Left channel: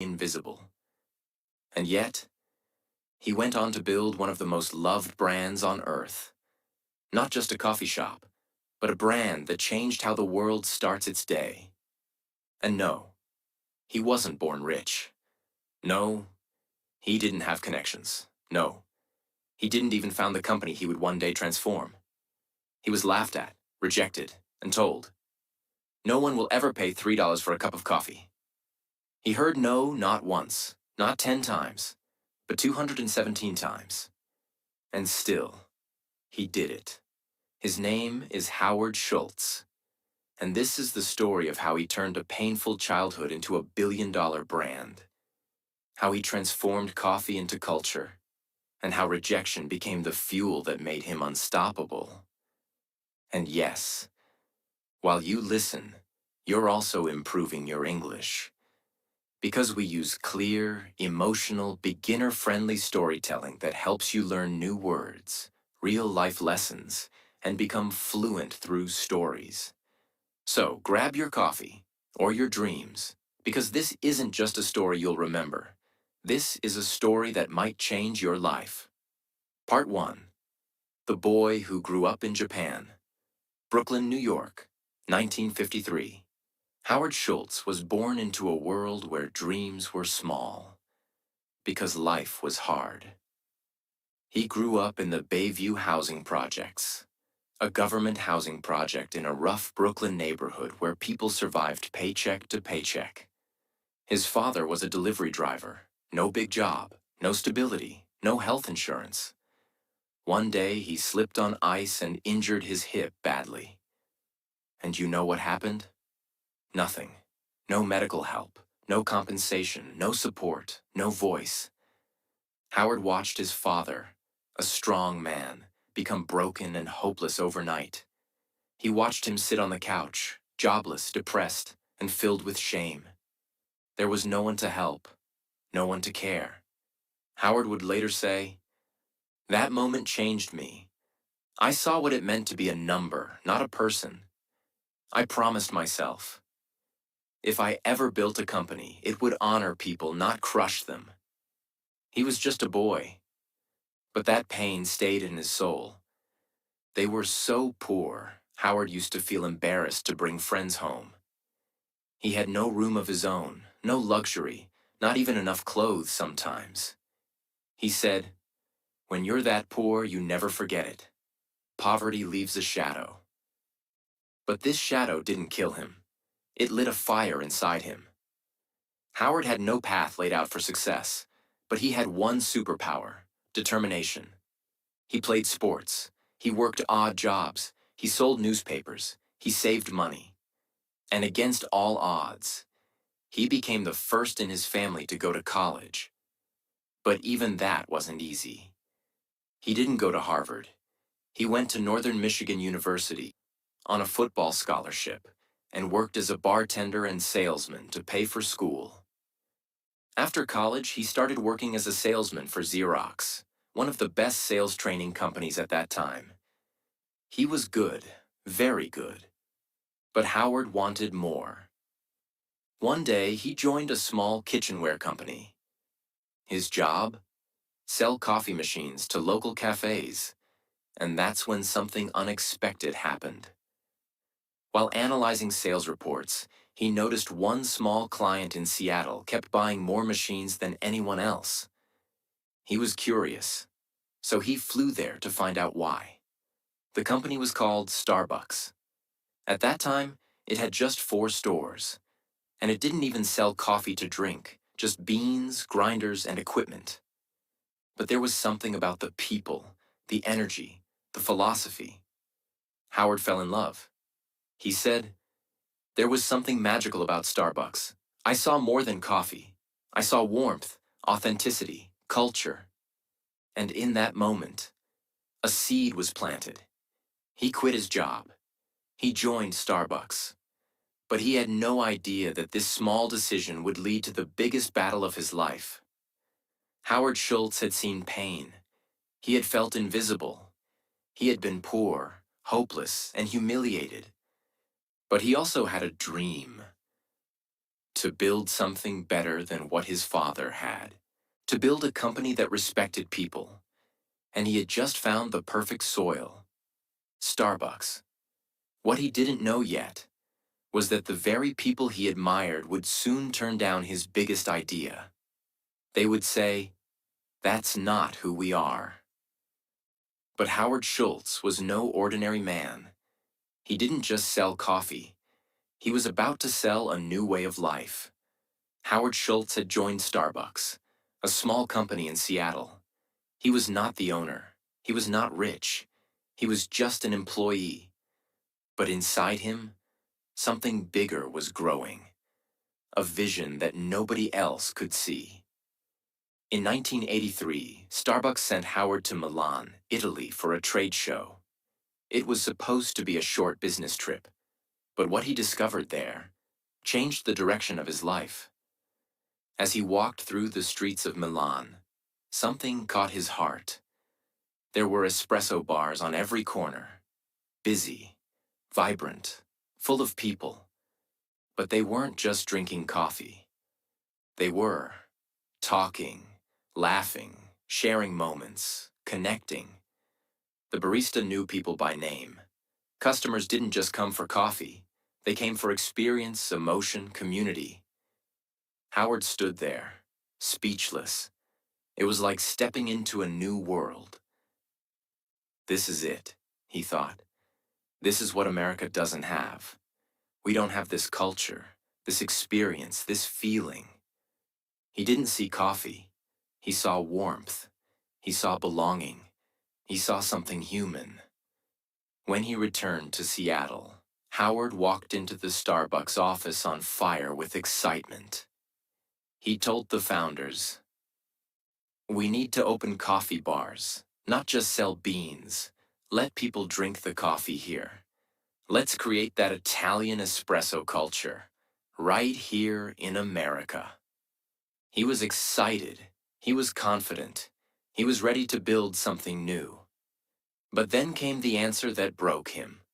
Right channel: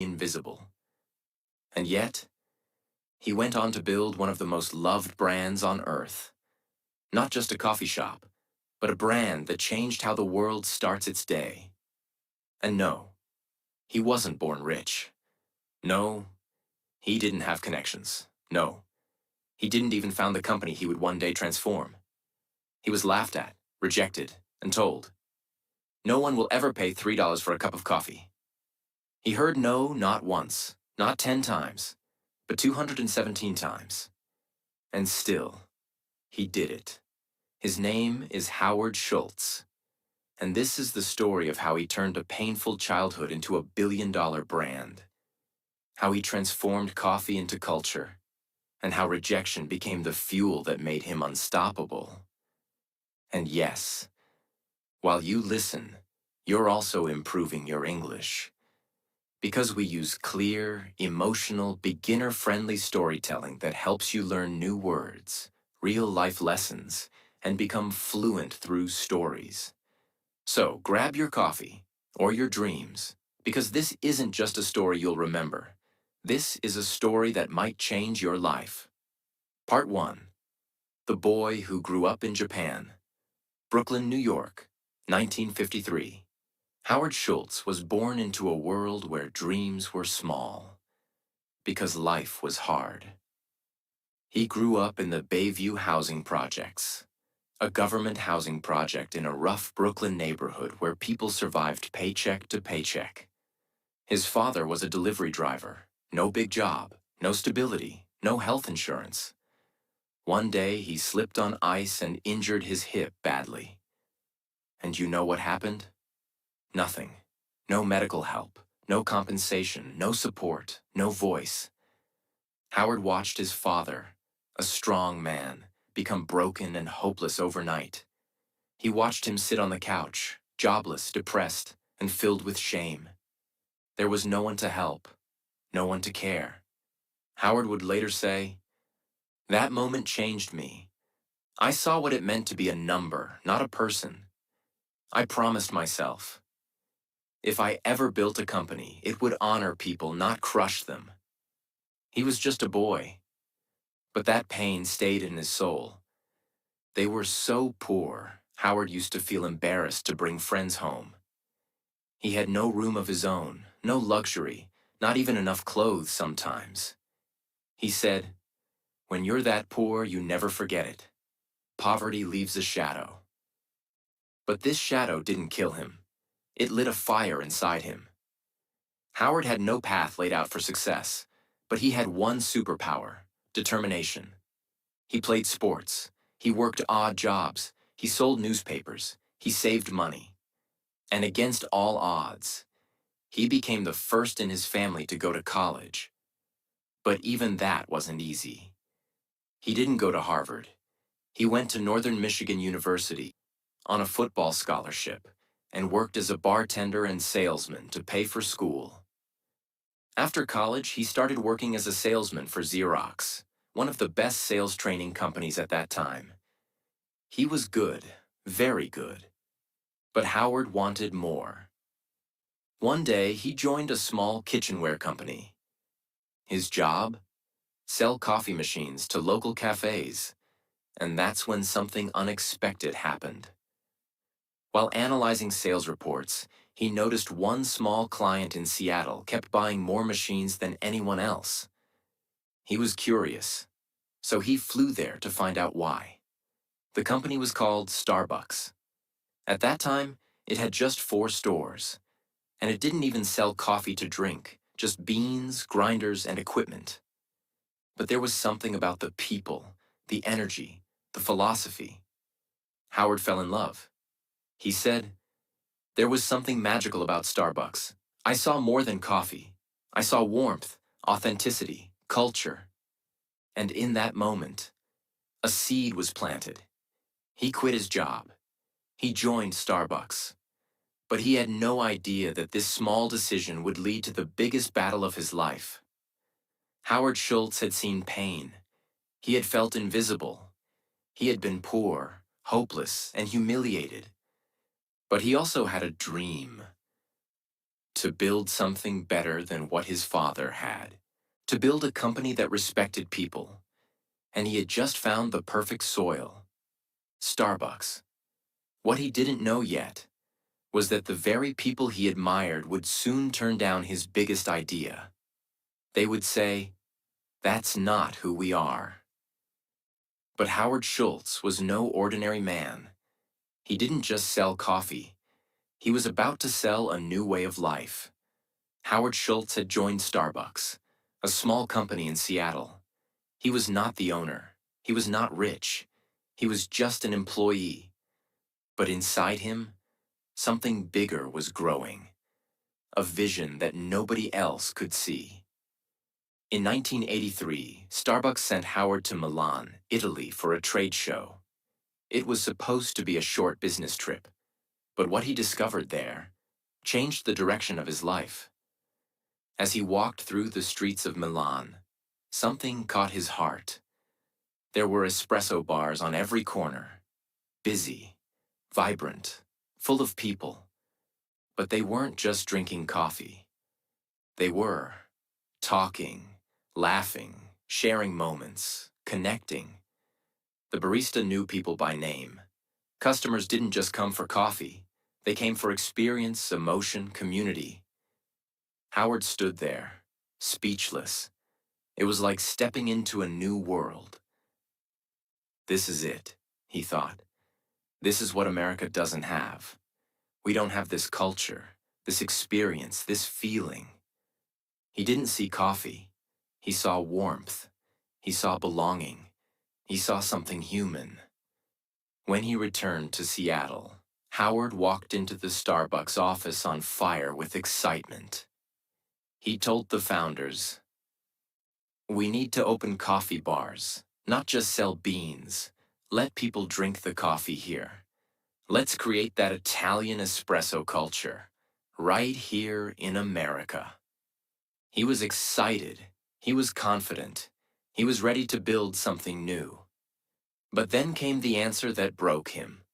invisible. And yet, he went on to build one of the most loved brands on earth. Not just a coffee shop, but a brand that changed how the world starts its day. And no, he wasn't born rich. No, he didn't have connections. No, he didn't even found the company he would one day transform. He was laughed at, rejected, and told, "No one will ever pay $3 for a cup of coffee." He heard no not once, not 10 times, but 217 times. And still, he did it. His name is Howard Schultz. And this is the story of how he turned a painful childhood into a billion-dollar brand. How he transformed coffee into culture. And how rejection became the fuel that made him unstoppable. And yes, while you listen, you're also improving your English. Because we use clear, emotional, beginner-friendly storytelling that helps you learn new words, real-life lessons, and become fluent through stories. So grab your coffee, or your dreams, because this isn't just a story you'll remember. This is a story that might change your life. Part 1. The Boy Who Grew Up in Japan. Brooklyn, New York, 1953. Howard Schultz was born into a world where dreams were small, because life was hard. He grew up in the Bayview Housing Projects, a government housing project in a rough Brooklyn neighborhood where people survived paycheck to paycheck. His father was a delivery driver, no big job, no stability, no health insurance. One day he slipped on ice and injured his hip badly. And you know what happened? Nothing. No medical help, no compensation, no support, no voice. Howard watched his father, a strong man, become broken and hopeless overnight. He watched him sit on the couch, jobless, depressed, and filled with shame. There was no one to help, no one to care. Howard would later say, "That moment changed me. I saw what it meant to be a number, not a person. I promised myself, if I ever built a company, it would honor people, not crush them." He was just a boy, but that pain stayed in his soul. They were so poor, Howard used to feel embarrassed to bring friends home. He had no room of his own, no luxury, not even enough clothes sometimes. He said, "When you're that poor, you never forget it. Poverty leaves a shadow." But this shadow didn't kill him. It lit a fire inside him. Howard had no path laid out for success, but he had one superpower: determination. He played sports. He worked odd jobs. He sold newspapers. He saved money. And against all odds, he became the first in his family to go to college. But even that wasn't easy. He didn't go to Harvard. He went to Northern Michigan University on a football scholarship and worked as a bartender and salesman to pay for school. After college, he started working as a salesman for Xerox, one of the best sales training companies at that time. He was good, very good. But Howard wanted more. One day, he joined a small kitchenware company. His job? Sell coffee machines to local cafes. And that's when something unexpected happened. While analyzing sales reports, he noticed one small client in Seattle kept buying more machines than anyone else. He was curious, so he flew there to find out why. The company was called Starbucks. At that time, it had just 4 stores, and it didn't even sell coffee to drink, just beans, grinders, and equipment. But there was something about the people, the energy, the philosophy. Howard fell in love. He said, "There was something magical about Starbucks. I saw more than coffee. I saw warmth, authenticity, culture." And in that moment, a seed was planted. He quit his job. He joined Starbucks. But he had no idea that this small decision would lead to the biggest battle of his life. Howard Schultz had seen pain. He had felt invisible. He had been poor, hopeless, and humiliated. But he also had a dream. to build something better than what his father had, to build a company that respected people, and he had just found the perfect soil, Starbucks. What he didn't know yet was that the very people he admired would soon turn down his biggest idea. They would say, "That's not who we are." But Howard Schultz was no ordinary man. He didn't just sell coffee. He was about to sell a new way of life. Howard Schultz had joined Starbucks, a small company in Seattle. He was not the owner. He was not rich. He was just an employee. But inside him, something bigger was growing, a vision that nobody else could see. In 1983, Starbucks sent Howard to Milan, Italy for a trade show. It was supposed to be a short business trip, but what he discovered there changed the direction of his life. As he walked through the streets of Milan, something caught his heart. There were espresso bars on every corner, busy, vibrant, full of people. But they weren't just drinking coffee. They were talking, laughing, sharing moments, connecting. The barista knew people by name. Customers didn't just come for coffee. They came for experience, emotion, community. Howard stood there, speechless. It was like stepping into a new world. This is it, he thought. This is what America doesn't have. We don't have this culture, this experience, this feeling. He didn't see coffee. He saw warmth. He saw belonging. He saw something human. When he returned to Seattle, Howard walked into the Starbucks office on fire with excitement. He told the founders, "We need to open coffee bars, not just sell beans. Let people drink the coffee here. Let's create that Italian espresso culture, right here in America." He was excited. He was confident. He was ready to build something new. But then came the answer that broke him.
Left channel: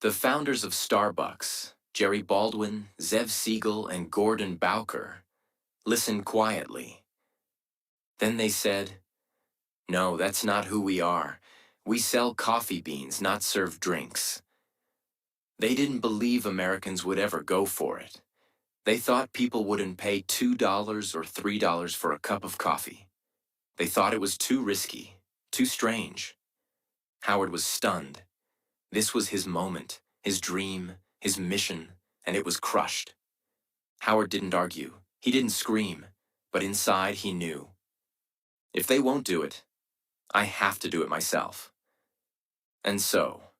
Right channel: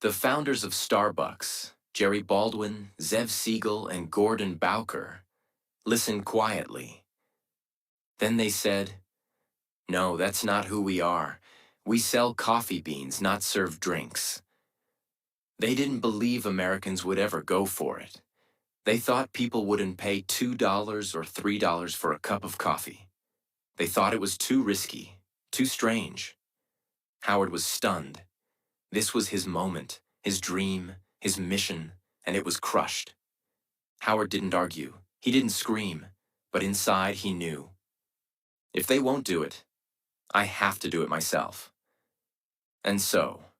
The founders of Starbucks, Jerry Baldwin, Zev Siegel, and Gordon Bowker, listened quietly. Then they said, "No, that's not who we are. We sell coffee beans, not serve drinks." They didn't believe Americans would ever go for it. They thought people wouldn't pay $2 or $3 for a cup of coffee. They thought it was too risky, too strange. Howard was stunned. This was his moment, his dream, his mission, and it was crushed. Howard didn't argue. He didn't scream. But inside he knew. If they won't do it, I have to do it myself. And so,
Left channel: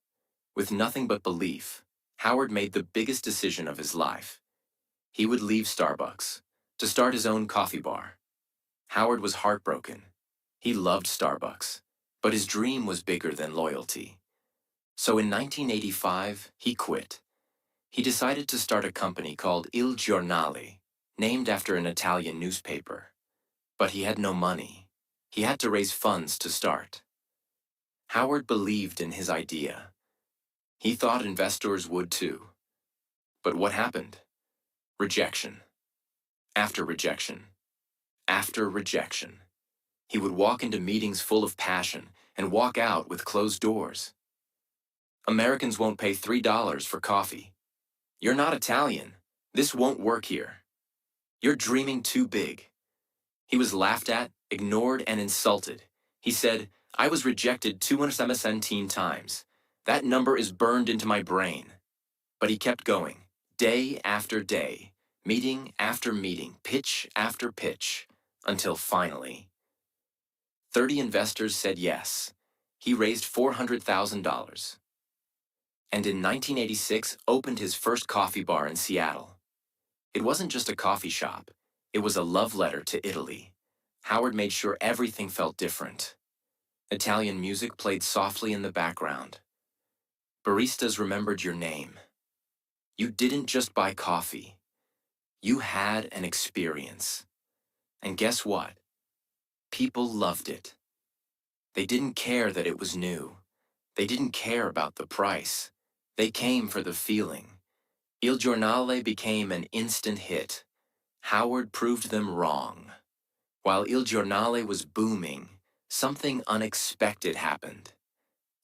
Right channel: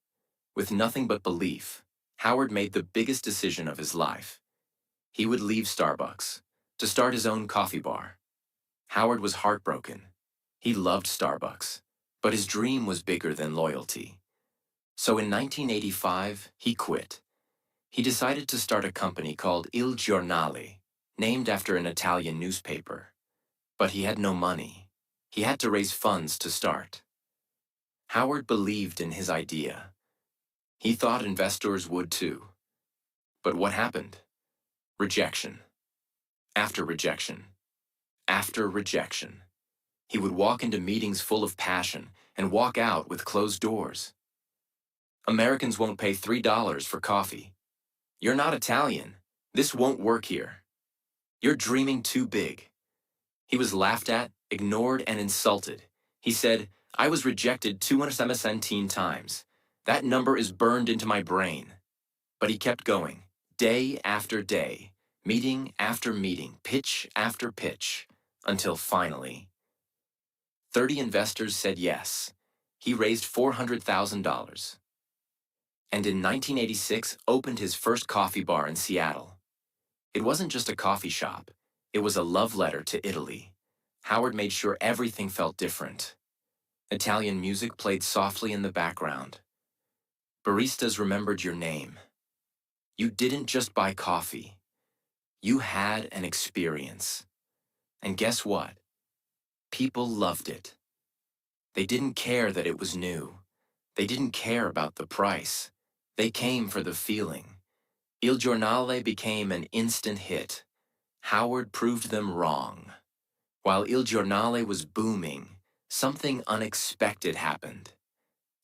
with nothing but belief, Howard made the biggest decision of his life. He would leave Starbucks to start his own coffee bar. Howard was heartbroken. He loved Starbucks, but his dream was bigger than loyalty. So in 1985, he quit. He decided to start a company called Il Giornale, named after an Italian newspaper. But he had no money. He had to raise funds to start. Howard believed in his idea. He thought investors would too. But what happened? Rejection. After rejection. After rejection. He would walk into meetings full of passion and walk out with closed doors. Americans won't pay $3 for coffee. You're not Italian. This won't work here. You're dreaming too big. He was laughed at, ignored, and insulted. He said, "I was rejected 217 times. That number is burned into my brain." But he kept going, day after day, meeting after meeting, pitch after pitch, until finally, 30 investors said yes. He raised $400,000. And in 1986, opened his first coffee bar in Seattle. It wasn't just a coffee shop. It was a love letter to Italy. Howard made sure everything felt different. Italian music played softly in the background. Baristas remembered your name. You didn't just buy coffee. You had an experience. And guess what? People loved it. They didn't care that it was new. They didn't care about the price. They came for the feeling. Il Giornale became an instant hit. Howard proved them wrong. While Il Giornale was booming, something unexpected happened.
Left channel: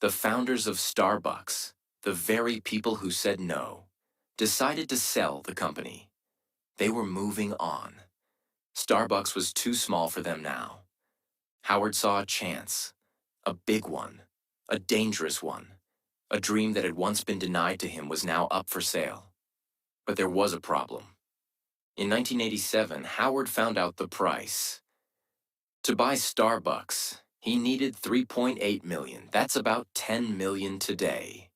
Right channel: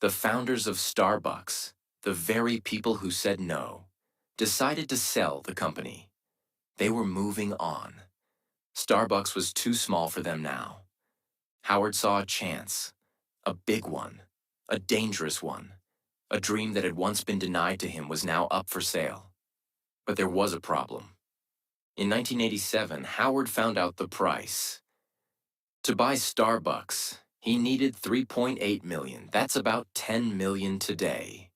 The founders of Starbucks, the very people who said no, decided to sell the company. They were moving on. Starbucks was too small for them now. Howard saw a chance, a big one, a dangerous one. A dream that had once been denied to him was now up for sale. But there was a problem. In 1987, Howard found out the price. To buy Starbucks, he needed $3.8 million. That's about $10 million today.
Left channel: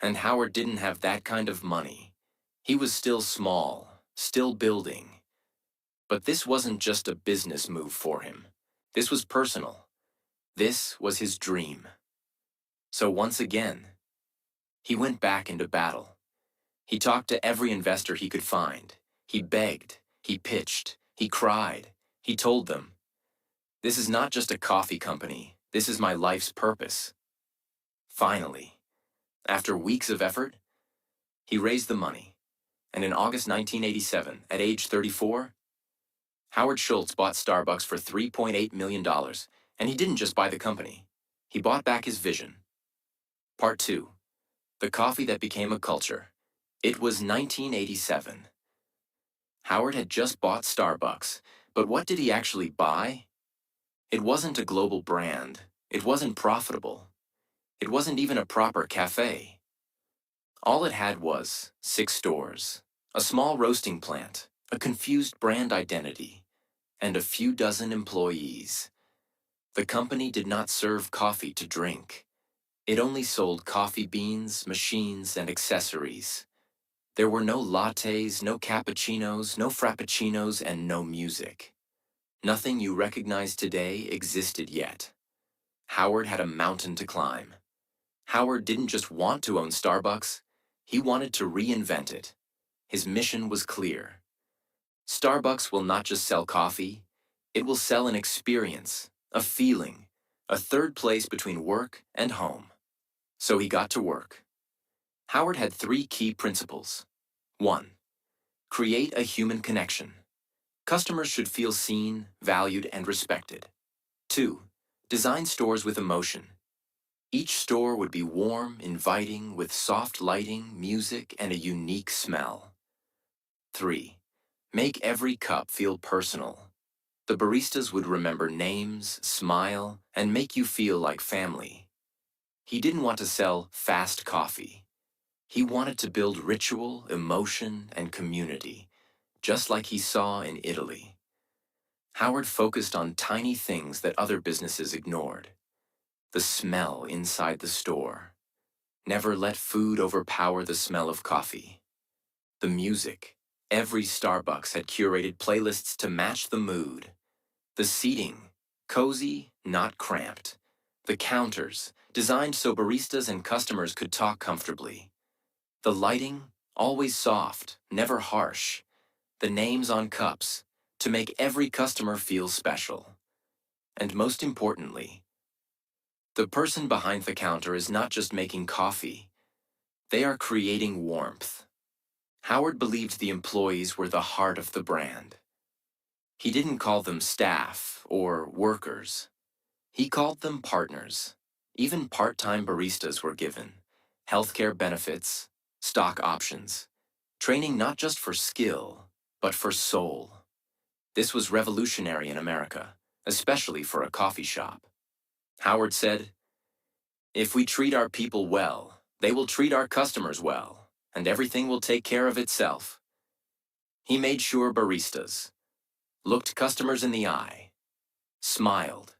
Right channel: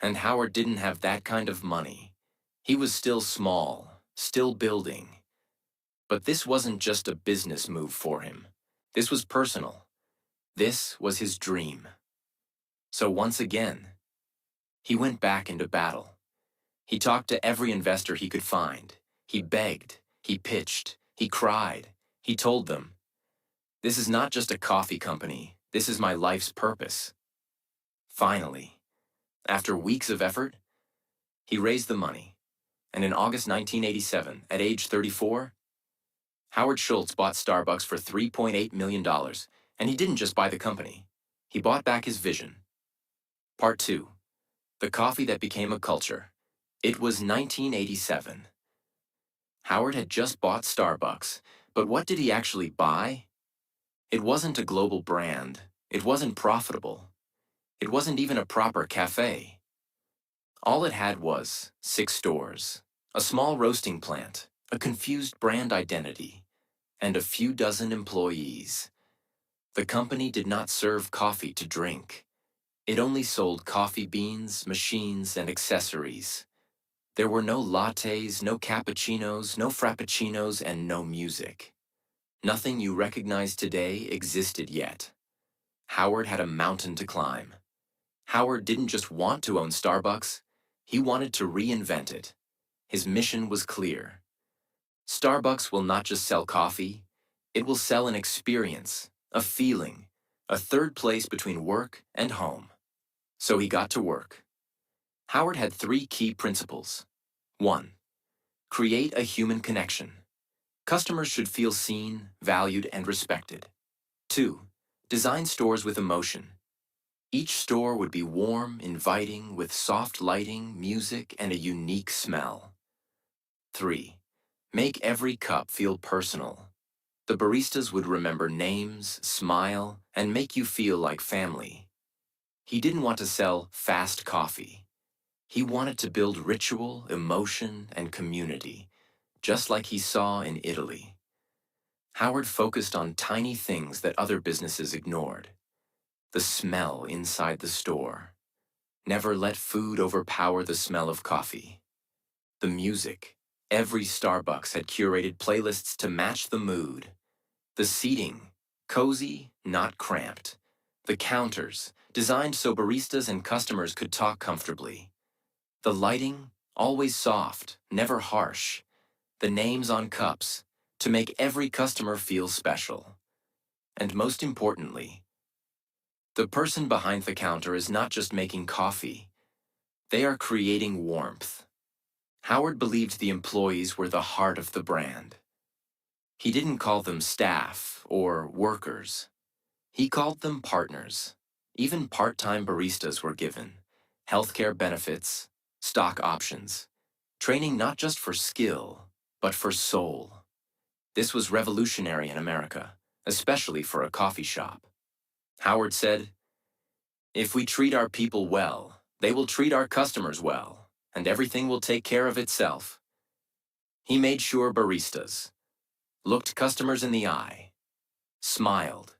And Howard didn't have that kind of money. He was still small, still building. But this wasn't just a business move for him. This was personal. This was his dream. So once again, he went back into battle. He talked to every investor he could find. He begged, he pitched, he cried. He told them, "This is not just a coffee company. This is my life's purpose." Finally, after weeks of effort, he raised the money. And in August 1987, at age 34, Howard Schultz bought Starbucks for $3.8 million. And he didn't just buy the company. He bought back his vision. Part 2. The coffee that became a culture. It was 1987. Howard had just bought Starbucks, but what did he actually buy? It wasn't a global brand. It wasn't profitable. It wasn't even a proper cafe. All it had was 6 stores, a small roasting plant, a confused brand identity, and a few dozen employees. The company did not serve coffee to drink. It only sold coffee beans, machines, and accessories. There were no lattes, no cappuccinos, no frappuccinos, and no music. Nothing you recognize today existed yet. Howard had a mountain to climb. Howard didn't just want to own Starbucks, he wanted to reinvent it. His mission was clear. Starbucks will not just sell coffee, it will sell an experience, a feeling, a third place between work and home. So he got to work. Howard had 3 key principles. 1. Create a human connection. Customers should feel seen, valued, and respected. 2. Design stores with emotion. Each store would be warm, inviting, with soft lighting, music, and a unique smell. 3. Make every cup feel personal. The baristas would remember names, smile, and make you feel like family. He didn't want to sell fast coffee. He wanted to build ritual, emotion, and community, just like he saw in Italy. Howard focused on tiny things that other businesses ignored. The smell inside the store. Never let food overpower the smell of coffee. The music. Every Starbucks had curated playlists to match the mood. The seating. Cozy, not cramped. The counters, designed so baristas and customers could talk comfortably. The lighting, always soft, never harsh. The names on cups, to make every customer feel special. And most importantly, the person behind the counter is not just making coffee. They are creating warmth. Howard believed the employees were the heart of the brand. He didn't call them staff or workers. He called them partners. Even part-time baristas were given healthcare benefits, stock options, training not just for skill, but for soul. This was revolutionary in America, especially for a coffee shop. Howard said, "If we treat our people well, they will treat our customers well, and everything will take care of itself." He made sure baristas looked customers in the eye, smiled,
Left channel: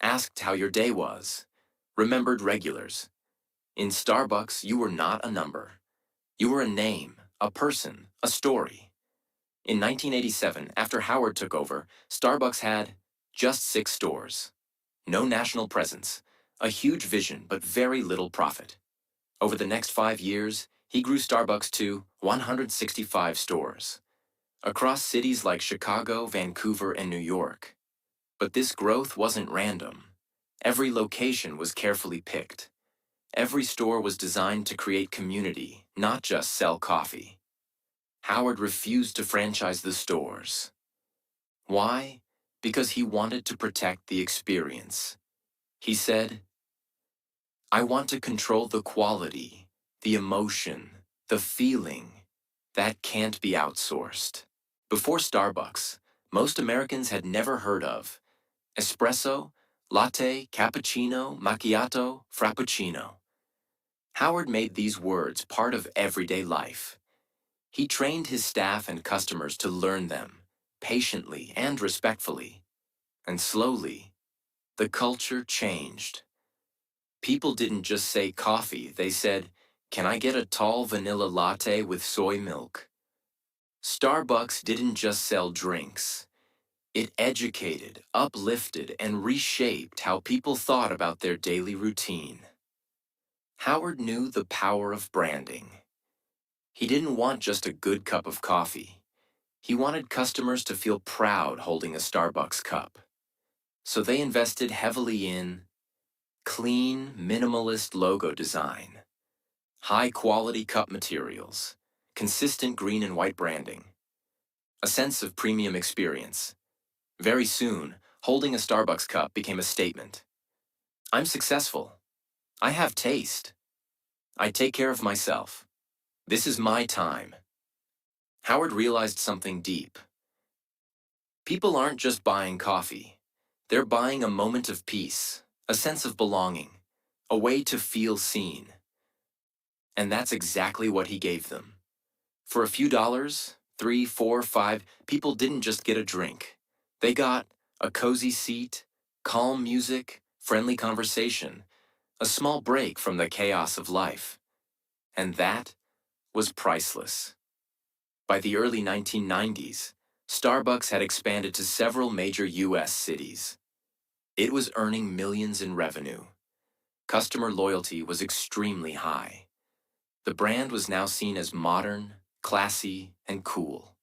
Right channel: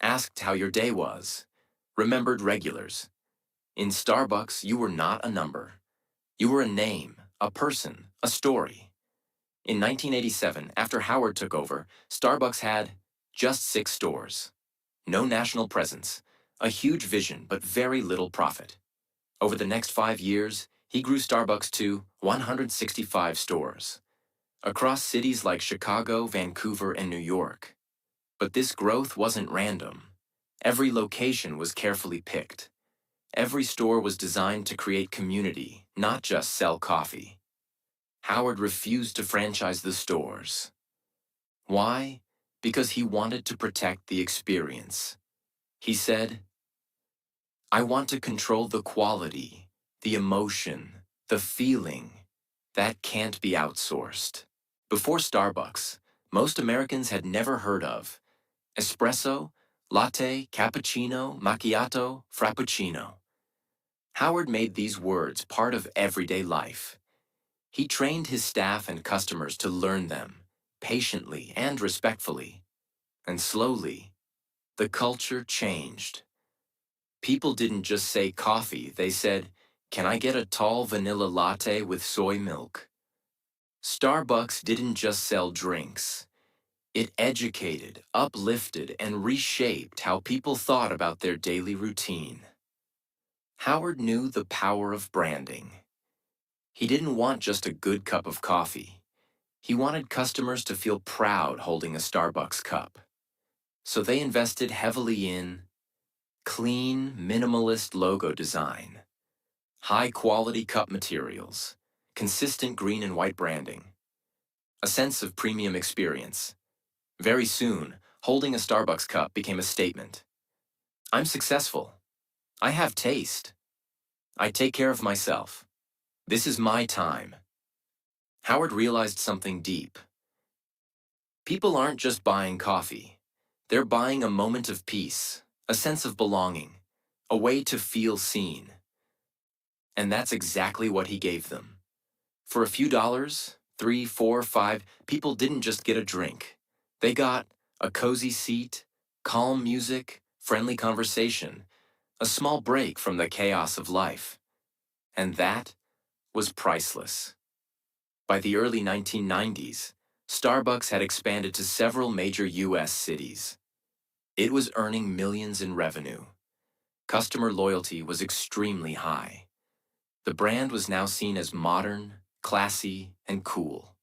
asked how your day was, remembered regulars. In Starbucks, you were not a number. You were a name, a person, a story. In 1987, after Howard took over, Starbucks had just 6 stores. No national presence, a huge vision but very little profit. Over the next 5 years, he grew Starbucks to 165 stores, across cities like Chicago, Vancouver, and New York. But this growth wasn't random. Every location was carefully picked. Every store was designed to create community, not just sell coffee. Howard refused to franchise the stores. Why? Because he wanted to protect the experience. He said, I want to control the quality, the emotion, the feeling. That can't be outsourced. Before Starbucks, most Americans had never heard of espresso, latte, cappuccino, macchiato, frappuccino. Howard made these words part of everyday life. He trained his staff and customers to learn them, patiently and respectfully. And slowly, the culture changed. People didn't just say coffee, they said, can I get a tall vanilla latte with soy milk? Starbucks didn't just sell drinks. It educated, uplifted, and reshaped how people thought about their daily routine. Howard knew the power of branding. He didn't want just a good cup of coffee. He wanted customers to feel proud holding a Starbucks cup. So they invested heavily in clean, minimalist logo design, high-quality cup materials, consistent green and white branding, a sense of premium experience. Very soon, holding a Starbucks cup became a statement. I'm successful. I have taste. I take care of myself. This is my time. Howard realized something deep. People aren't just buying coffee. They're buying a moment of peace, a sense of belonging, a way to feel seen. And that's exactly what he gave them. For a few dollars, 3, 4, 5, people didn't just get a drink. They got a cozy seat, calm music, friendly conversation, a small break from the chaos of life. And that was priceless. By the early 1990s, Starbucks had expanded to several major U.S. cities. It was earning millions in revenue. Customer loyalty was extremely high. The brand was now seen as modern, classy, and cool.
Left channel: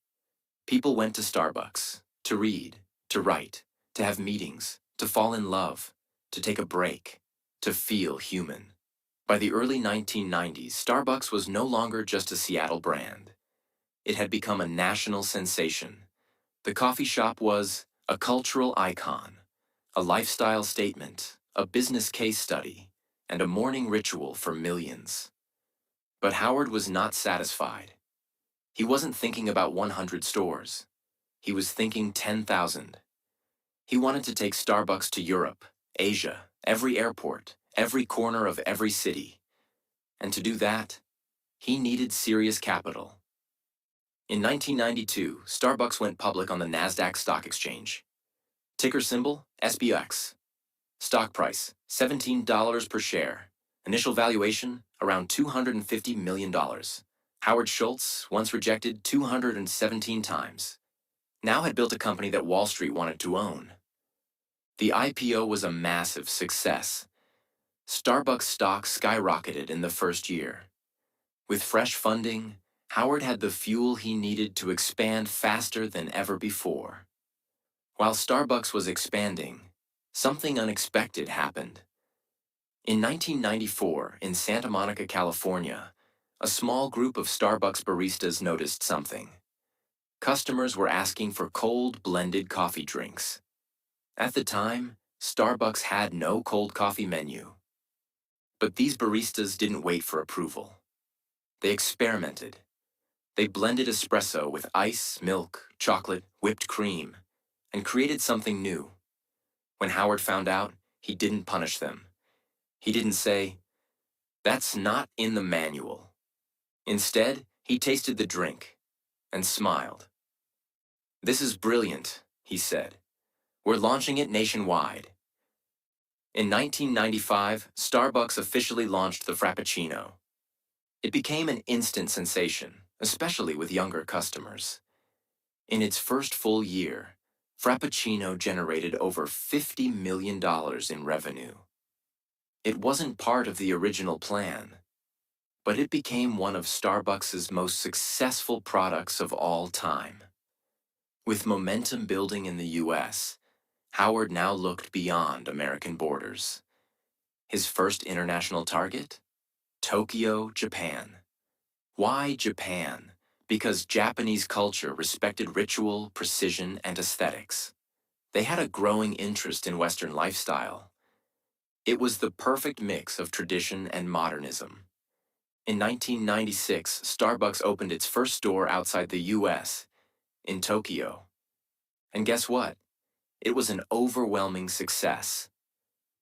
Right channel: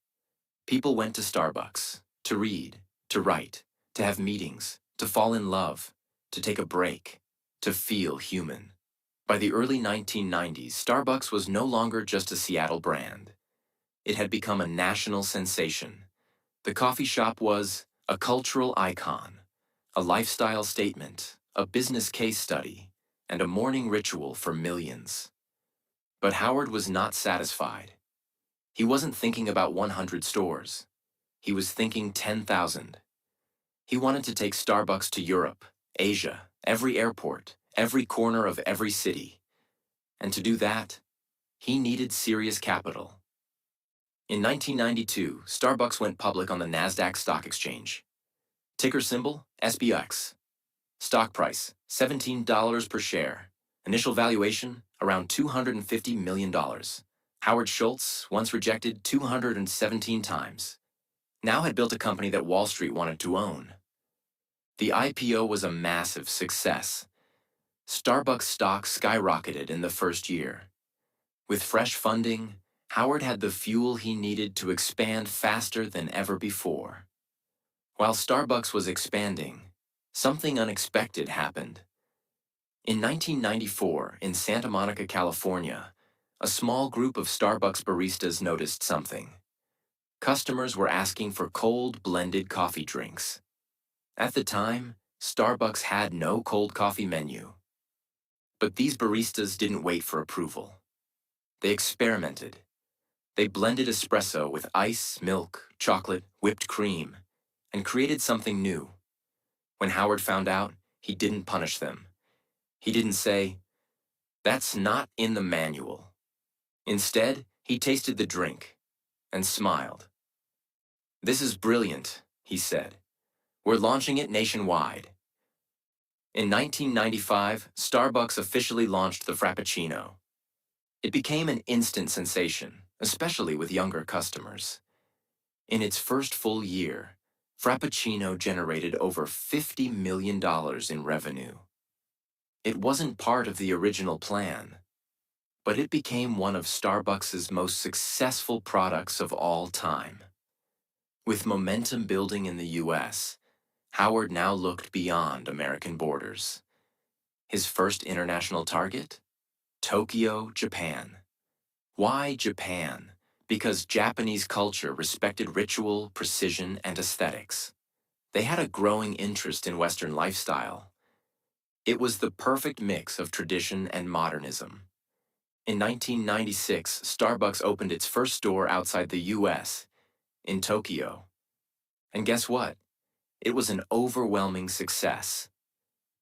People went to Starbucks to read, to write, to have meetings, to fall in love, to take a break, to feel human. By the early 1990s, Starbucks was no longer just a Seattle brand. It had become a national sensation. The coffee shop was a cultural icon, a lifestyle statement, a business case study, and a morning ritual for millions. But Howard was not satisfied. He wasn't thinking about 100 stores. He was thinking 10,000. He wanted to take Starbucks to Europe, Asia, every airport, every corner of every city. And to do that, he needed serious capital. In 1992, Starbucks went public on the NASDAQ Stock Exchange. Ticker symbol, SBX. Stock price, $17 per share. Initial valuation, around $250 million. Howard Schultz, once rejected 217 times, now had built a company that Wall Street wanted to own. The IPO was a massive success. Starbucks stock skyrocketed in the first year. With fresh funding, Howard had the fuel he needed to expand faster than ever before. While Starbucks was expanding, something unexpected happened. In 1994, in Santa Monica, California, a small group of Starbucks baristas noticed something. Customers were asking for cold blended coffee drinks. At the time, Starbucks had no cold coffee menu. But these baristas didn't wait for approval. They experimented. They blended espresso with ice, milk, chocolate, whipped cream, and created something new. When Howard found out, he didn't punish them. He didn't say, "That's not in the manual." Instead, he tasted the drink and smiled. "This is brilliant," he said. "We're launching it nationwide." In 1995, Starbucks officially launched the Frappuccino. It became an instant sensation, especially with younger customers. In its first full year, Frappuccino generated over $50 million in revenue. It wasn't part of the original plan, but it became one of Starbucks' most successful products of all time. With momentum building in the US, Howard now looked beyond American borders. His first international target? Tokyo, Japan. Why Japan? Because Japanese culture respected ritual, precision, and aesthetics. They had a growing interest in Western lifestyle. It was the perfect mix of tradition and modernism. In 1996, Starbucks opened its first store outside the US, in Tokyo. And guess what? It was an overwhelming success.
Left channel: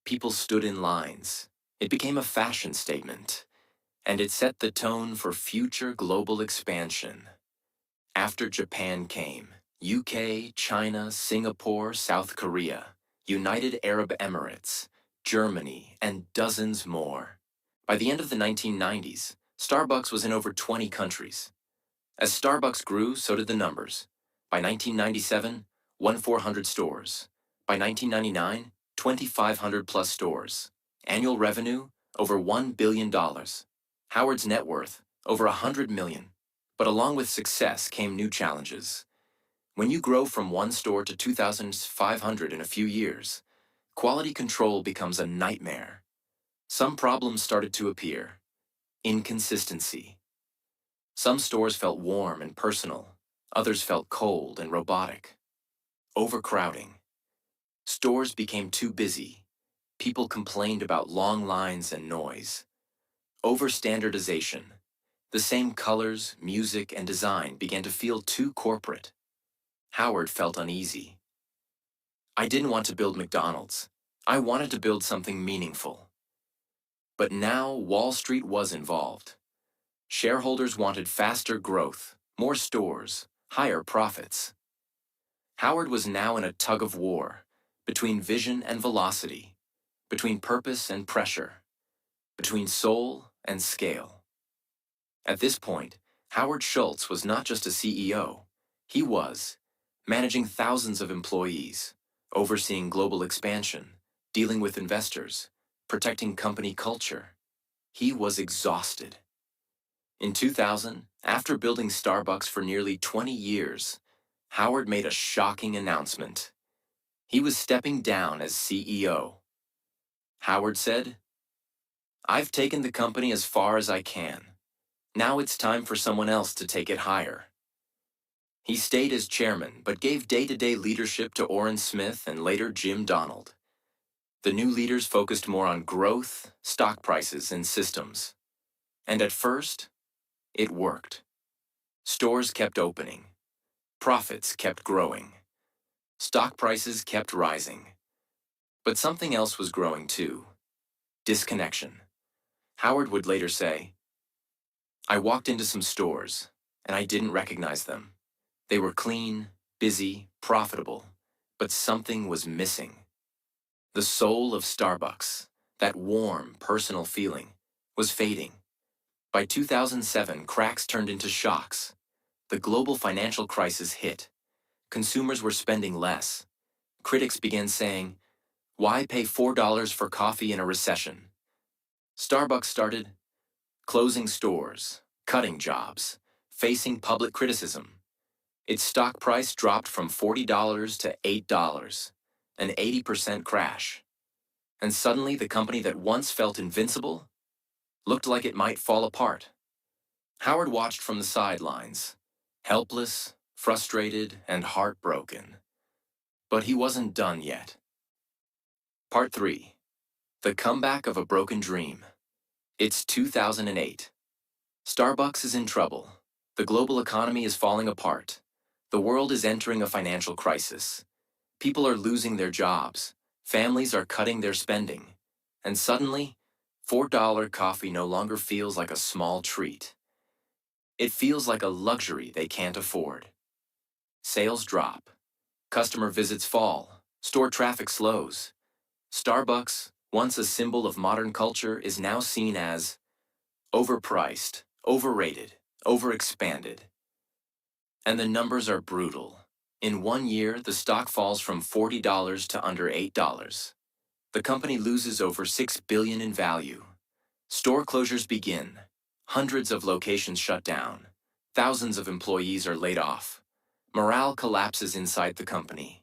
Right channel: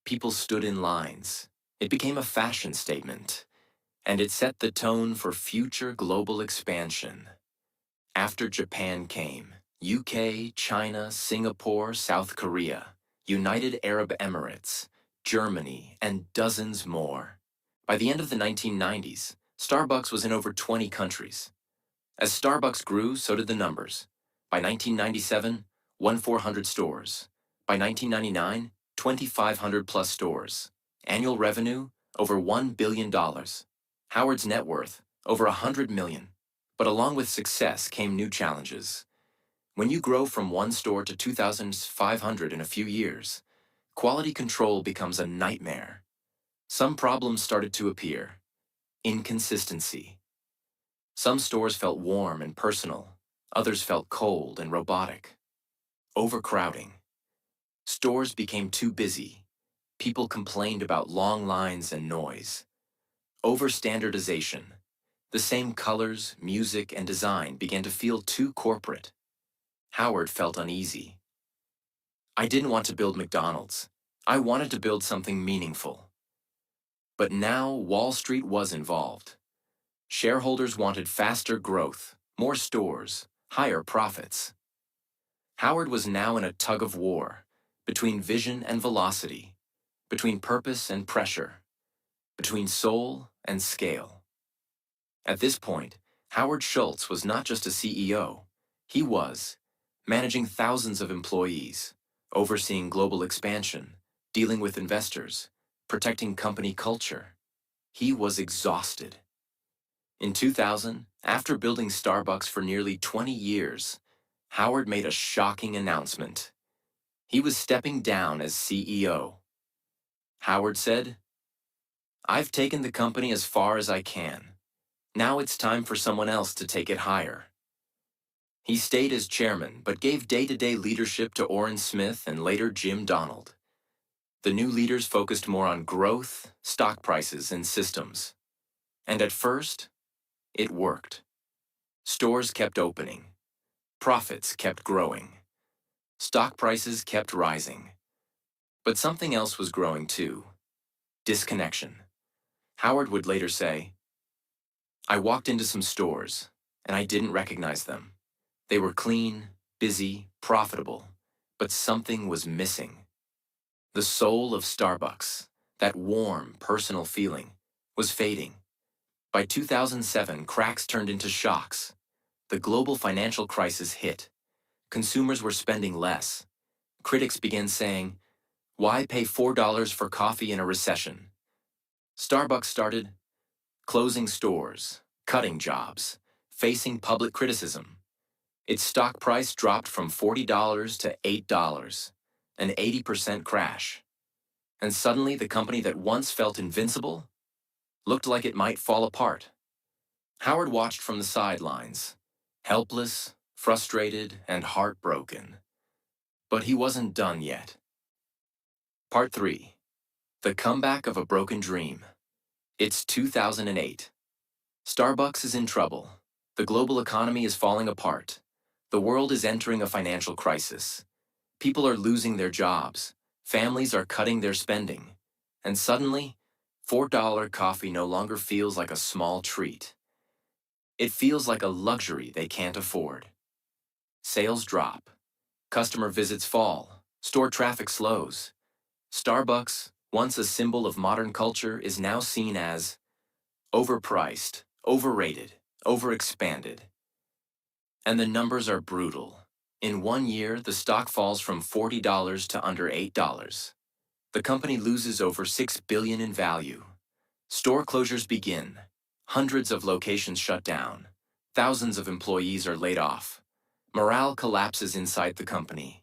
People stood in lines. It became a fashion statement, and it set the tone for future global expansion. After Japan came, UK, China, Singapore, South Korea, United Arab Emirates, Germany, and dozens more. By the end of the 1990s, Starbucks was in over 20 countries. As Starbucks grew, so did the numbers. By 1997, 1,400 stores. By 1999, 2,500 plus stores. Annual revenue, over $1 billion. Howard's net worth, over $100 million. But along with success came new challenges. When you grow from one store to 2,500 in a few years, quality control becomes a nightmare. Some problems started to appear. Inconsistency. Some stores felt warm and personal. Others felt cold and robotic. Overcrowding. Stores became too busy. People complained about long lines and noise. Overstandardization. The same colors, music, and design began to feel too corporate. Howard felt uneasy. I didn't want to build McDonald's. I wanted to build something meaningful. But now Wall Street was involved. Shareholders wanted faster growth, more stores, higher profits. Howard was now in a tug of war, between vision and velocity, between purpose and pressure, between soul and scale. At this point, Howard Schultz was not just a CEO. He was managing thousands of employees, overseeing global expansion, dealing with investors, protecting company culture. He was exhausted. In 2000, after building Starbucks for nearly 20 years, Howard made a shocking announcement. He was stepping down as CEO. Howard said, "I've taken the company as far as I can. Now it's time for someone else to take it higher." He stayed as chairman, but gave day-to-day leadership to Orrin Smith and later Jim Donald. The new leaders focused more on growth, stock prices, and systems. And at first, it worked. Stores kept opening. Profits kept growing. Stock prices kept rising. But something else was growing too. Disconnection. Howard would later say, "I walked into some stores, and I didn't recognize them. They were clean, busy, profitable, but something was missing." The soul of Starbucks, that warm, personal feeling, was fading. By 2007, cracks turned into shocks. The global financial crisis hit. Consumers were spending less. Critics began saying, "Why pay $4 for coffee in a recession?" Starbucks started closing stores, cutting jobs, facing public criticism. Its stock price dropped from $40 to $8, an 80% crash. And suddenly the company that once felt invincible looked like it might fall apart. Howard watched from the sidelines, helpless, frustrated, and heartbroken. But he wasn't done yet. Part 3. The Comeback of a Broken Dream. It's 2008. Starbucks is in trouble. The global economy is falling apart. The world is entering a financial crisis. People are losing their jobs. Families are cutting their spending. And suddenly, $4 coffee no longer feels like a small treat. It feels like a luxury they can't afford. Sales drop. Customer visits fall. Store traffic slows. Starbucks, once a symbol of modern culture, is now seen as overpriced, overrated, overexpanded. And the numbers are brutal. In 1 year, the stock falls from $40 to under $8. The company loses over $6 billion in value. Store closures begin. Hundreds of locations shut down. Thousands of employees are laid off. Morale collapses inside the company.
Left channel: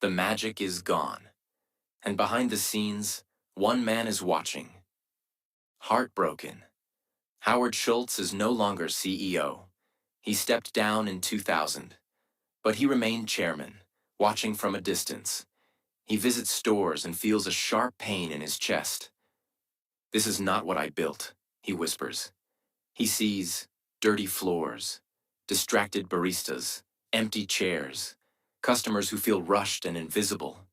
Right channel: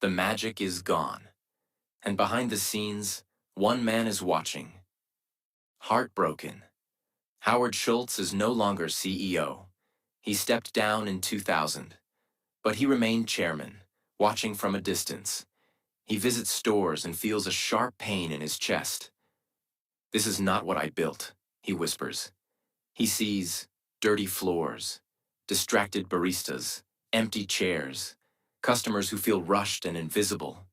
The magic is gone. And behind the scenes, one man is watching. Heartbroken. Howard Schultz is no longer CEO. He stepped down in 2000, but he remained chairman, watching from a distance. He visits stores and feels a sharp pain in his chest. "This is not what I built," he whispers. He sees dirty floors, distracted baristas, empty chairs, customers who feel rushed and invisible.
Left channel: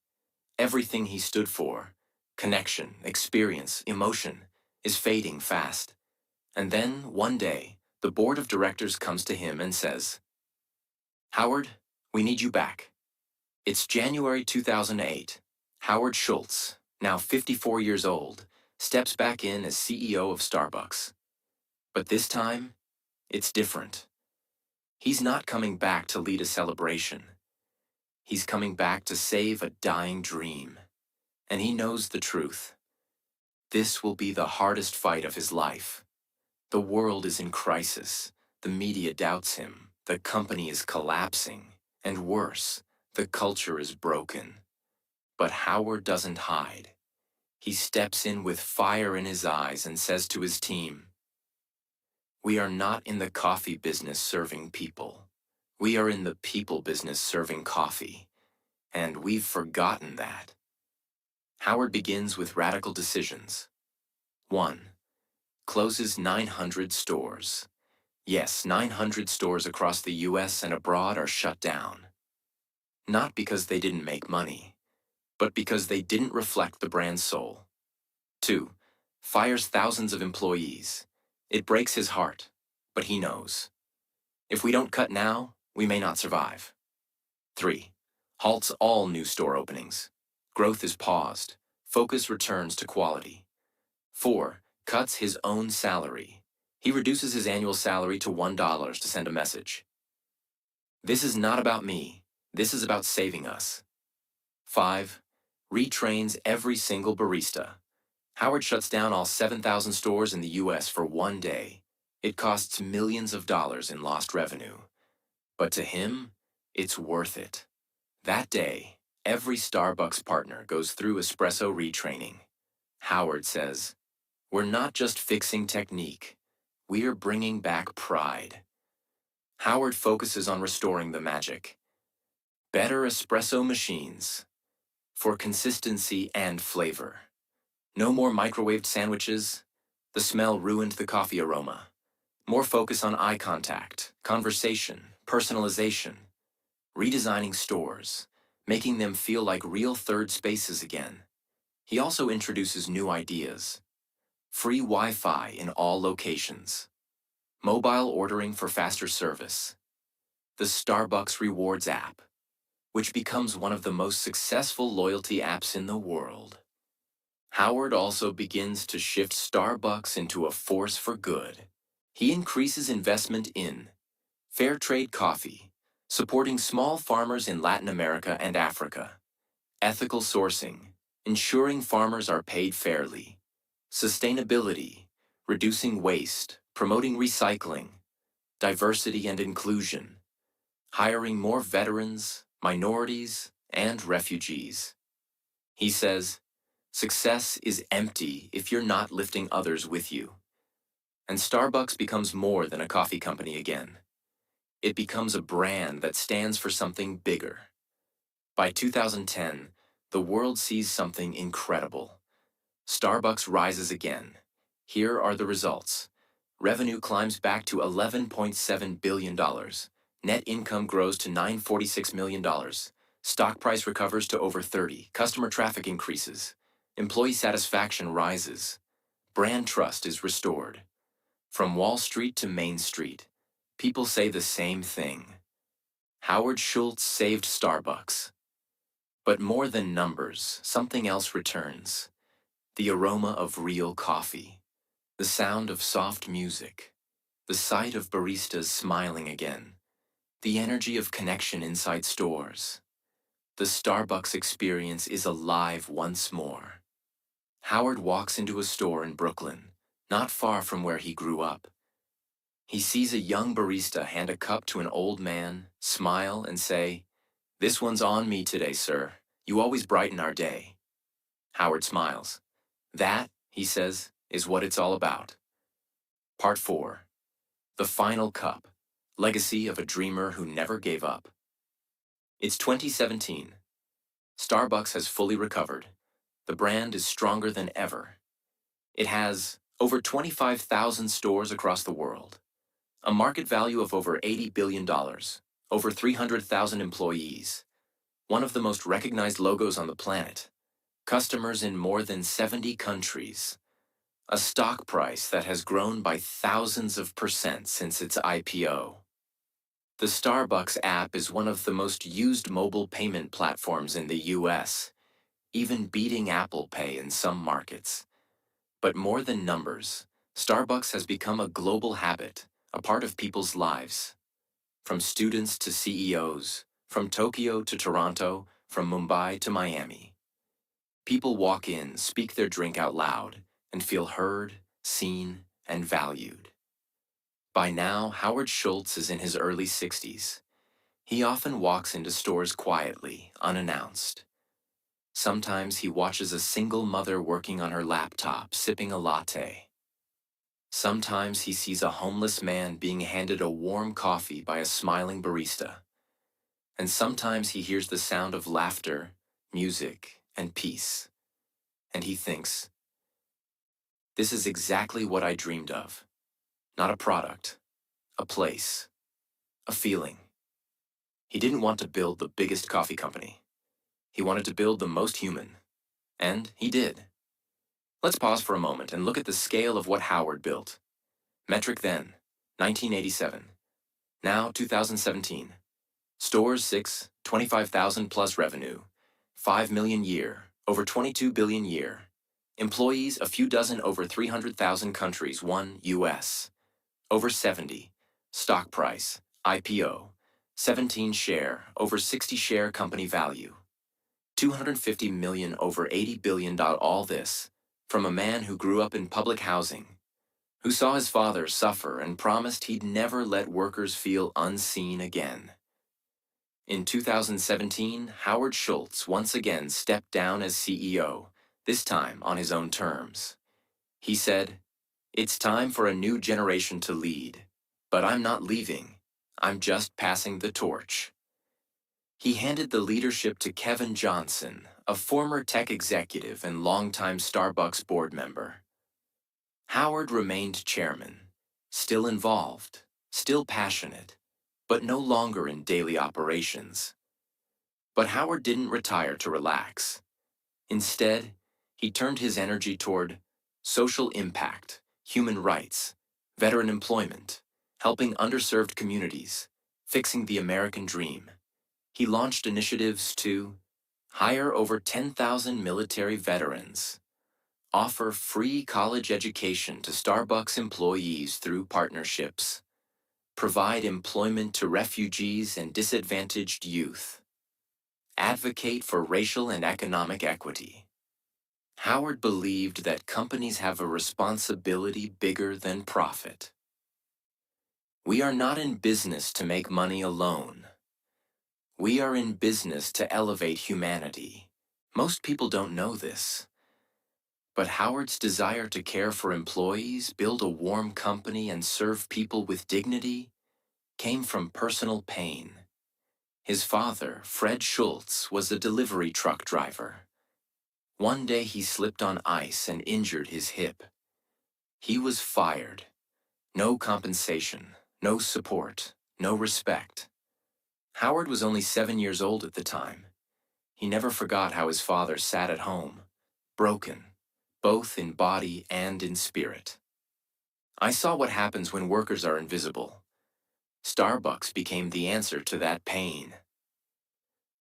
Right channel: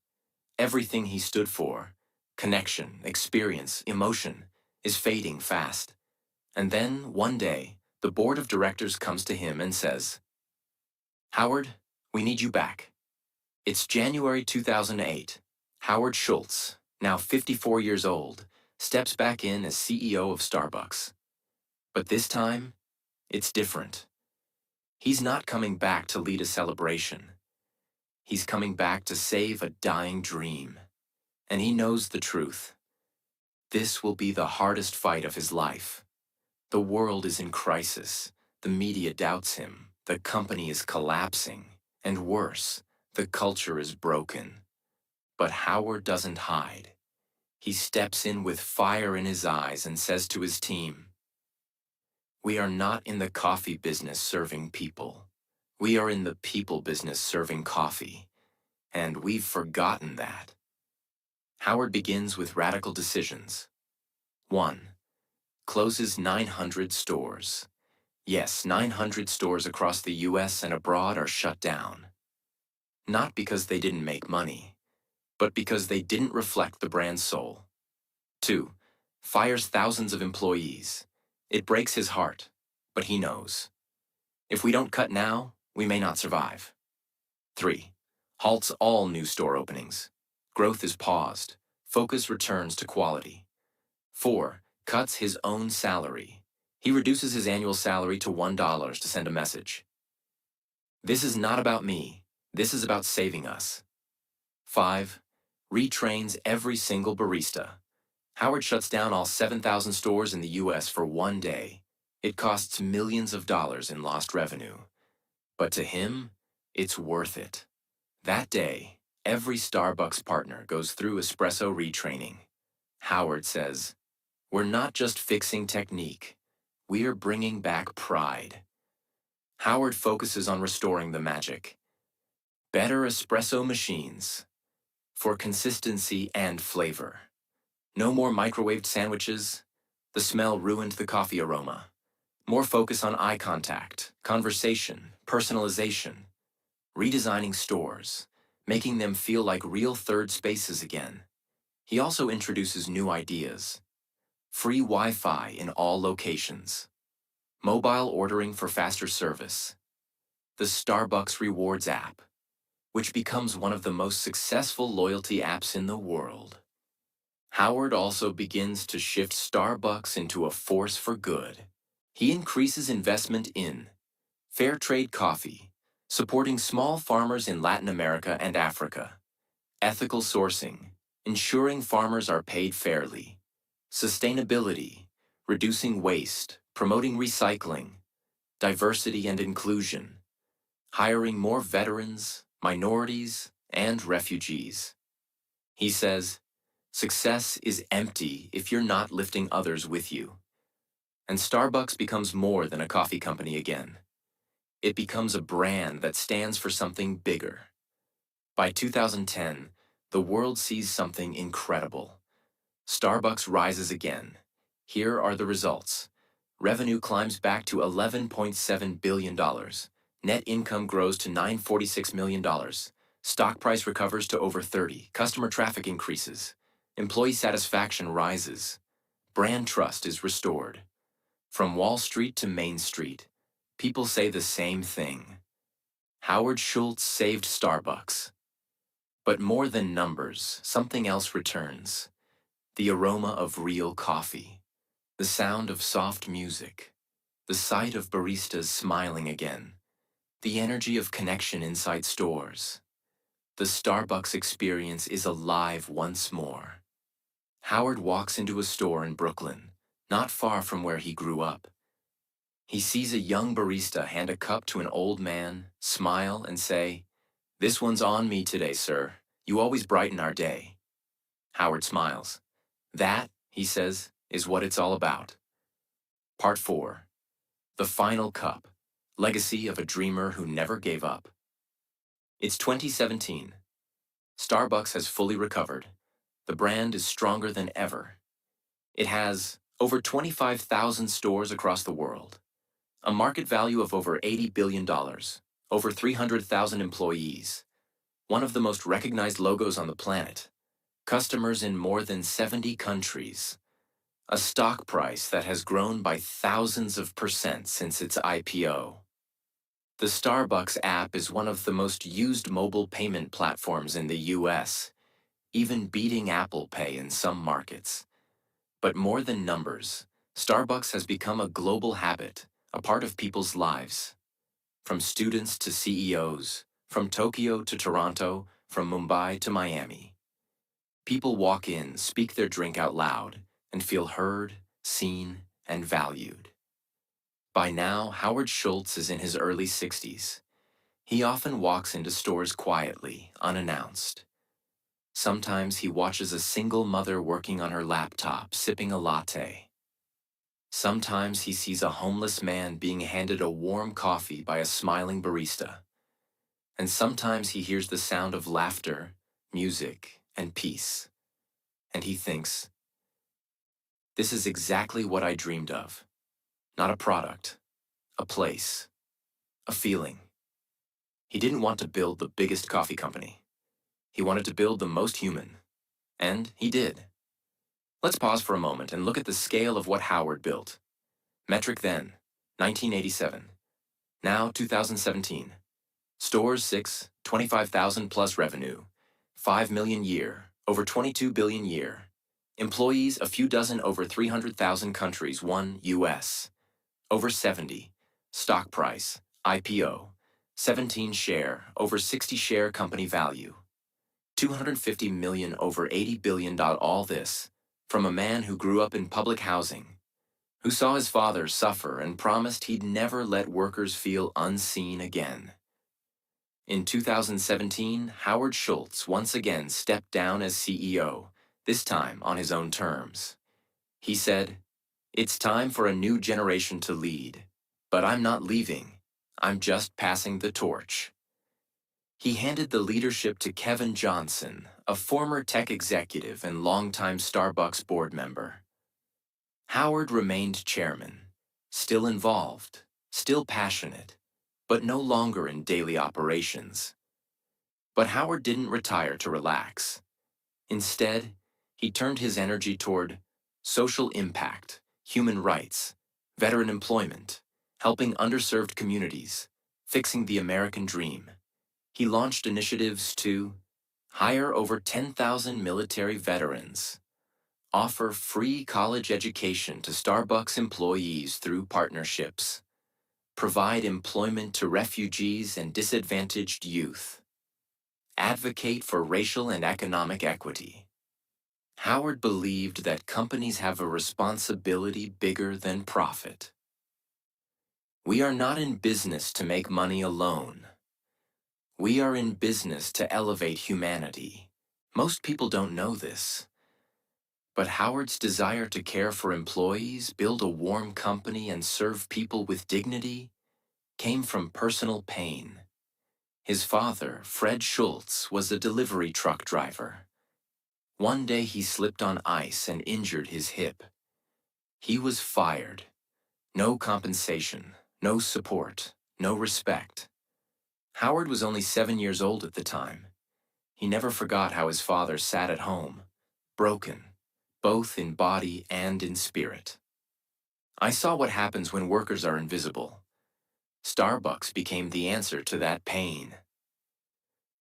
Everything he stood for, connection, experience, emotion, is fading fast. And then, one day, the board of directors comes to him and says, "Howard, we need you back." It's January 2008. Howard Schultz, now 54 years old, steps back in as CEO of Starbucks. But this time, it's different. He's not coming back to lead a celebration. He's coming back to save a dying dream. And he knows the truth. This will be the hardest fight of his life. The world is in crisis. The media doubts him. The company is collapsing. And worse, the culture is broken. But Howard doesn't hide. He steps in with fire in his eyes and says to his team, "We are not in the coffee business serving people. We are in the people business serving coffee. And we've forgotten that." Howard begins with radical decisions. 1. Closes 900 stores. Yes, 900 stores across the US and abroad are shut down. Not because they didn't make money, but because they didn't reflect the brand's soul. 2. Fires thousands of employees. It breaks his heart, but he knows. If we don't cut now, we may not survive. 3. Halts all new store openings. Growth is paused. Focus returns to quality. 4. Cuts his own salary. He reduces his annual salary to $1 to send a message. "This is not about me. This is about saving us." 5. Retrains every single barista. Howard shuts down all 7,000 stores in the US for one day. It costs millions of dollars in lost revenue. But to him, it's worth it. That day, every Starbucks partner goes through espresso retraining. Howard says, "We're not just fixing technique. We're bringing back pride." Howard focuses on restoring the magic. Better espresso machines for consistency and flavor. No more microwaved sandwiches. The smell ruined the coffee aroma. More focus on eye contact, conversation, personalization. Redesigning stores, making them feel like real third spaces again. He also introduces new ideas. Free Wi-Fi in all locations. Mobile ordering for faster service. The Starbucks Rewards app, which becomes one of the most successful loyalty apps in the world. Howard also begins to shift Starbucks into a force for good. He increases investment in fair trade coffee, supporting small farmers in Latin America and Africa, ethical sourcing, ensuring farmers are paid fairly, sustainability, reducing waste, promoting recycling, diversity and inclusion, hiring more veterans, minorities, and refugees. He says, "Success is empty if you're not lifting others with you." And Starbucks becomes more than a coffee company again. It becomes a brand that stands for something bigger. By 2010, the world sees something incredible. Starbucks rises again. Here are the results. Revenue climbs back to $11.7 billion. Net income grows to $946 million. Stock price recovers to over 30. Customer traffic increases. Employee satisfaction rises. Brand trust is restored. From Wall Street to Main Street, people say the same thing. Howard Schultz saved Starbucks. But more than numbers, something else returns. The aroma of real coffee. The sound of soft music. The sight of baristas smiling again. The energy of connection inside stores. The Starbucks experience is alive once more. Howard walks into a store in Brooklyn, not far from where he grew up. He sees a young barista hand a cup to an old man, smile, and say, "This one's on me today, sir. You always brighten our day." Howard smiles. "That," he says, "is what it's all about." Part 4. The Final Cup. legacy of a dreamer who never gave up. It's 2017. Starbucks has fully recovered. The brand is stronger than ever. It has over 25,000 stores across the world, a market value of over $80 billion, over 300,000 employees, one of the most recognized logos on the planet, customers in more than 70 countries, a stock price that has grown by thousands of percent since its IPO. The Starbucks app is one of the most used mobile payment platforms in the US, even beating Apple Pay in some markets. But more than numbers, Starbucks has become a global habit, a part of people's lives. From students to CEOs, from Tokyo to Toronto, from Mumbai to Miami. People walk in, speak their drink out loud, and feel heard, seen, and valued. By now, Howard Schultz is in his early 60s. He often walks into stores quietly, unannounced. Sometimes he watches a single mother working on her laptop, sipping a latte. Sometimes he sees a homeless man being handed a warm coffee by a smiling barista. And sometimes he hears the sound of laughter, music, and peace. And he thinks, this is exactly what I dreamed of. Not a product, a place, a feeling. He didn't want to build the biggest coffee company. He wanted to build the most human. And he did. Let's pause for a moment and look at the scale of what Howard built. Metric then, 1987. Now, 2017. Stores 6, 25,000 plus revenue. 5 million year, over 22 billion year. Employees, a few dozen over 300,000 countries, 1 US. Over 70. Stock price, IPO. 17 share, over 60 share company value. 250 million over 80 billion. All this from a man who grew up in public housing, who saw his father suffer and promised he'd never let workers feel unseen again. In 2017, Howard Schultz once again stepped down as CEO, this time on his own terms. He said, "It's time for a new generation to lead, but I'm not leaving. I'm just passing the torch." He handed the leadership to Kevin Johnson, a former tech executive and longtime Starbucks board member. Howard remained chairman, still involved, still passionate, but no longer in daily operations. But Howard didn't retire to relax. Instead, he turned his energy toward social impact, human rights, veteran employment, helping underserved communities, fixing the American dream. He launched initiatives to hire over 10,000 military veterans, offer free college education to Starbucks employees through partnerships, provide employment to refugees and disadvantaged youth, advocate for racial and economic equity. Howard believed that companies have a responsibility bigger than profit. We are not in business to make money alone. We are in business to elevate humanity. Most people don't know this. But Howard's desire to care for employees, build a warm company, and serve people with dignity came from personal pain. His father, Fred Schultz, was a delivery truck driver. One day he slipped on ice and injured his hip. He was fired. No compensation, no support, no respect. Howard was only 7 years old at the time. He never forgot how his father sat at home, broken, both in body and in spirit. I saw what happens when workers are invisible. Starbucks became the answer to that pain.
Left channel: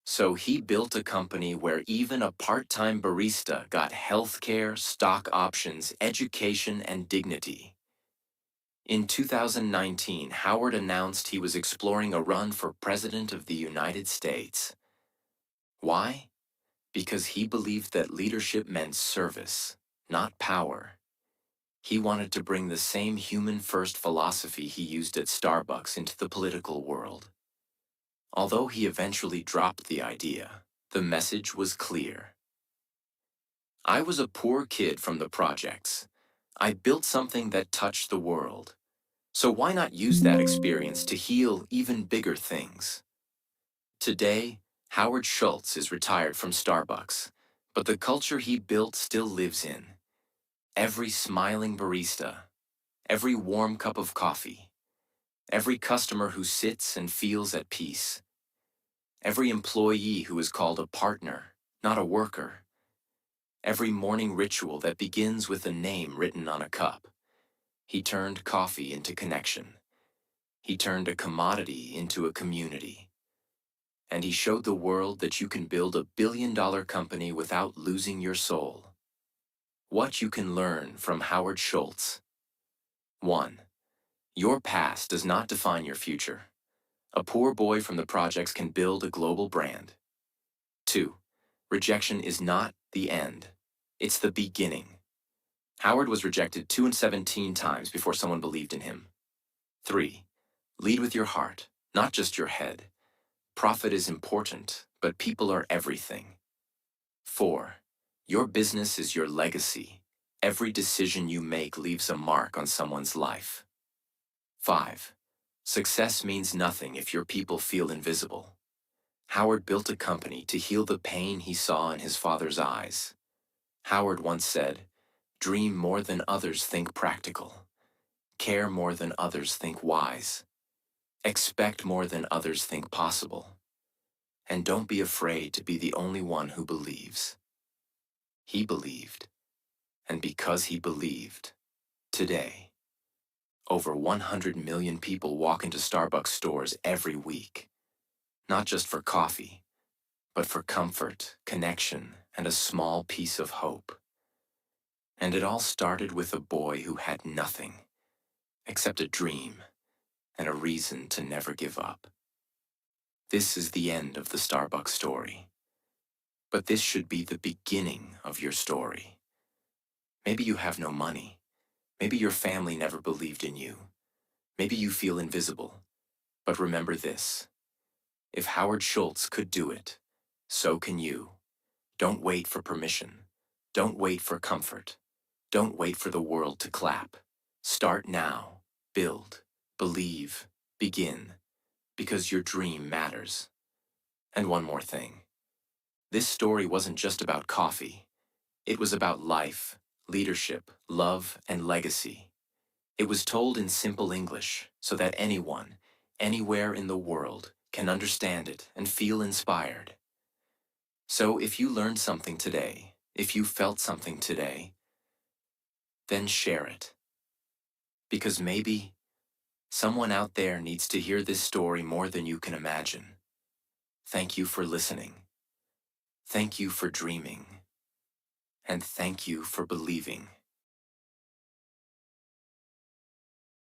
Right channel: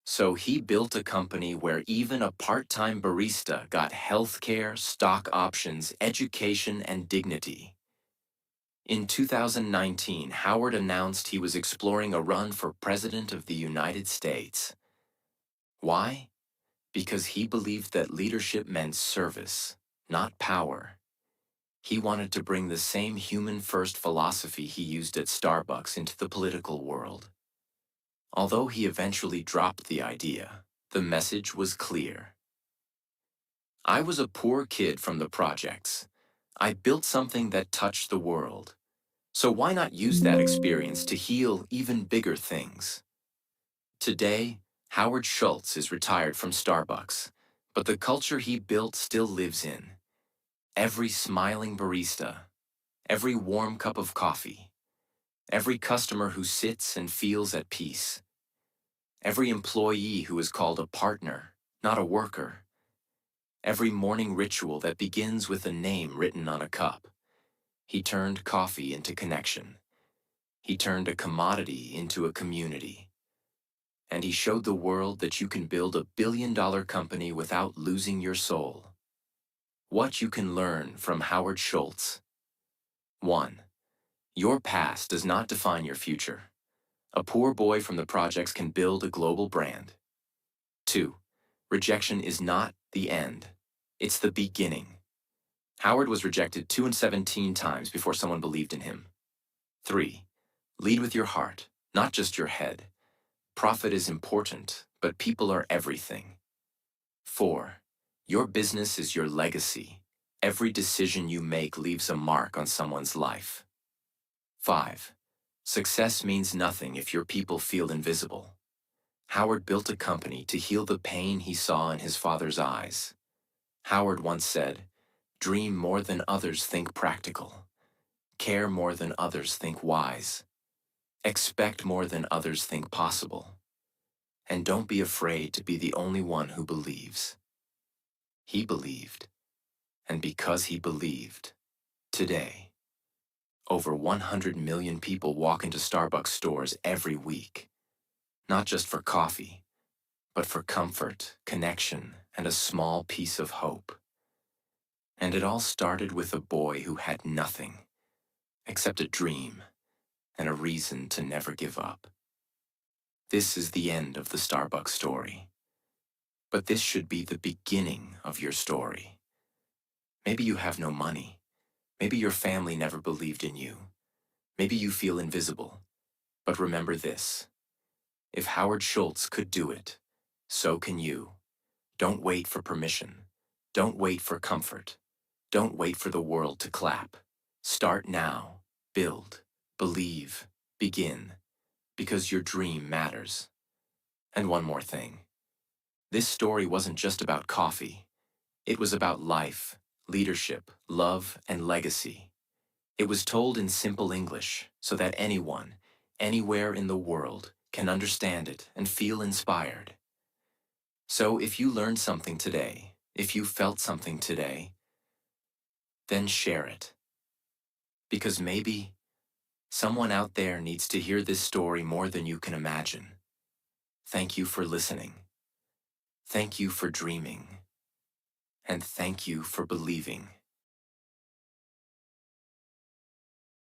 So he built a company where even a part-time barista got healthcare, stock options, education, and dignity. In 2019, Howard announced he was exploring a run for President of the United States. Why? Because he believed that leadership meant service, not power. He wanted to bring the same human-first philosophy he used at Starbucks into the political world. Although he eventually dropped the idea, the message was clear. I was a poor kid from the projects. I built something that touched the world. So why not use that experience to heal even bigger things? Today, Howard Schultz is retired from Starbucks, but the culture he built still lives in. Every smiling barista, every warm cup of coffee, every customer who sits and feels at peace, every employee who is called a partner, not a worker, every morning ritual that begins with a name written on a cup. He turned coffee into connection. He turned a commodity into a community. And he showed the world that you can build a billion-dollar company without losing your soul. What you can learn from Howard Schultz. 1. Your past does not define your future. A poor boy from the projects can build a global brand. 2. Rejection is not the end. It's the beginning. Howard was rejected 217 times before someone believed in him. 3. Lead with your heart, not just your head. Profit is important, but people are everything. 4. Your business is your legacy. Every decision you make leaves a mark on someone's life. 5. Success means nothing if your people feel invisible. Howard built a company to heal the pain he saw in his father's eyes. Howard once said, "Dream more than others think practical. Care more than others think wise. Expect more than others think possible. And don't be afraid to be the only one who believes." He believed, and because he believed, today, over 100 million people walk into Starbucks stores every week, not just for coffee, but for comfort, connection, and a small piece of hope. And it all started with a boy who had nothing except a dream and a reason to never give up. This is the end of the Starbucks story. But this should be the beginning of your story. Maybe you have no money. Maybe your family never believed in you. Maybe you feel invisible. But remember this: if Howard Schultz could do it, so can you. Don't wait for permission. Don't wait for comfort. Don't wait for the world to clap. Start now. Build. Believe. Begin. Because your dream matters. And one more thing. This story wasn't just about coffee. It was about life, leadership, love, and legacy. It was told in simple English so that anyone, anywhere in the world, can understand it and feel inspired. So if you learned something today, if you felt something today, then share it. Because maybe someone out there needs to hear this story more than you can imagine. Thank you for listening. Thank you for dreaming. And thank you for believing.